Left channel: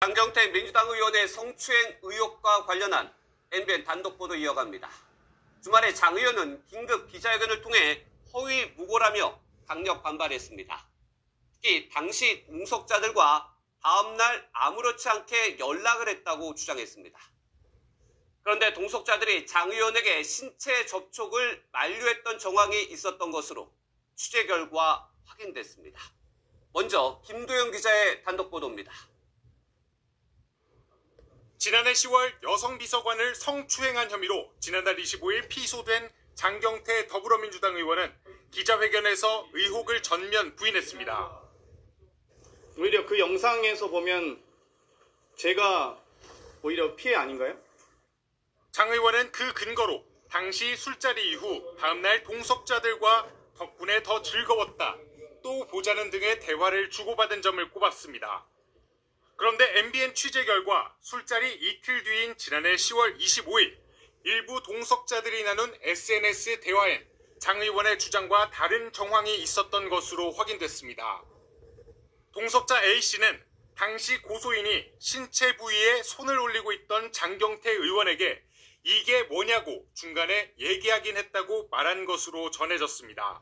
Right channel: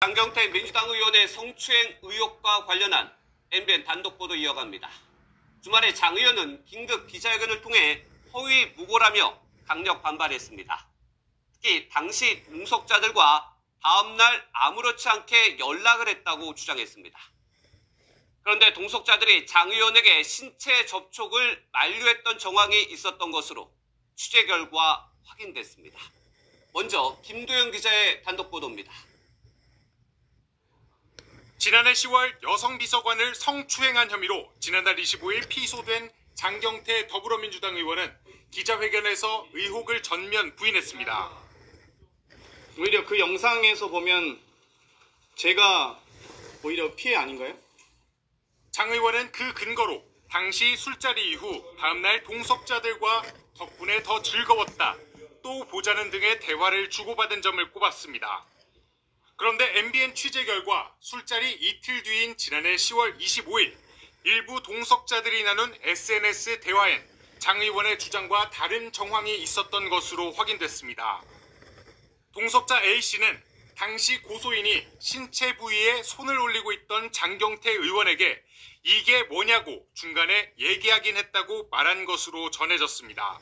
장경태 민주당 의원의 성추행 의혹과 관련한 MBN 단독 보도 이어갑니다. 주말에 장 의원은 긴급 기자회견을 통해 허위 무고라며 강력 반발했습니다. 특히 당시 동석자들과 다음날 아무렇지 않게 연락을 했다고 주장했습니다. 그런데 동석자들이 장 의원에게 신체 접촉을 만류했던 정황이 있었던 것으로 취재 결과 확인됐습니다. 먼저 김도영 기자의 단독 보도입니다. 지난해 10월 여성 비서관을 성추행한 혐의로 지난달 25일 피소된 장경태 더불어민주당 의원은 기자회견에서 의혹을 전면 부인했습니다. 오히려 그 영상에서 보면 제가 오히려 피해 아닌가요? 장 의원은 그 근거로 당시 술자리 이후 다음날 동석자들과 덕분에 더 즐거웠다, 또 보자는 등의 대화를 주고받은 점을 꼽았습니다. 그런데 MBN 취재 결과 술자리 이틀 뒤인 지난해 10월 25일 일부 동석자들이 나눈 SNS 대화엔 장 의원의 주장과 다른 정황이 있었던 것으로 확인됐습니다. 동석자 A씨는 당시 고소인이 신체 부위에 손을 올리고 있던 장경태 의원에게 이게 뭐냐고 중간에 얘기하긴 했다고 말한 것으로 전해졌습니다.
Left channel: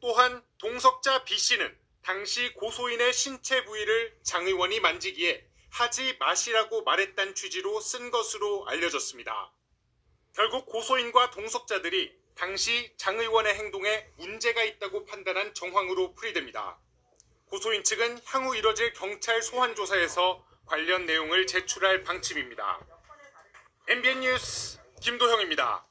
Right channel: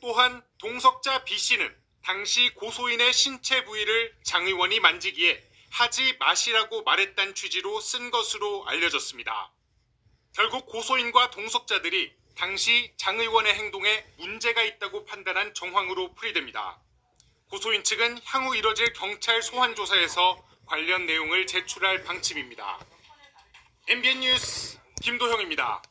또한 동석자 B씨는 당시 고소인의 신체 부위를 장 의원이 만지기에 하지 마시라고 말했다는 취지로 쓴 것으로 알려졌습니다. 결국 고소인과 동석자들이 당시 장 의원의 행동에 문제가 있다고 판단한 정황으로 풀이됩니다. 고소인 측은 향후 이뤄질 경찰 소환 조사에서 관련 내용을 제출할 방침입니다. MBN 뉴스 김도형입니다.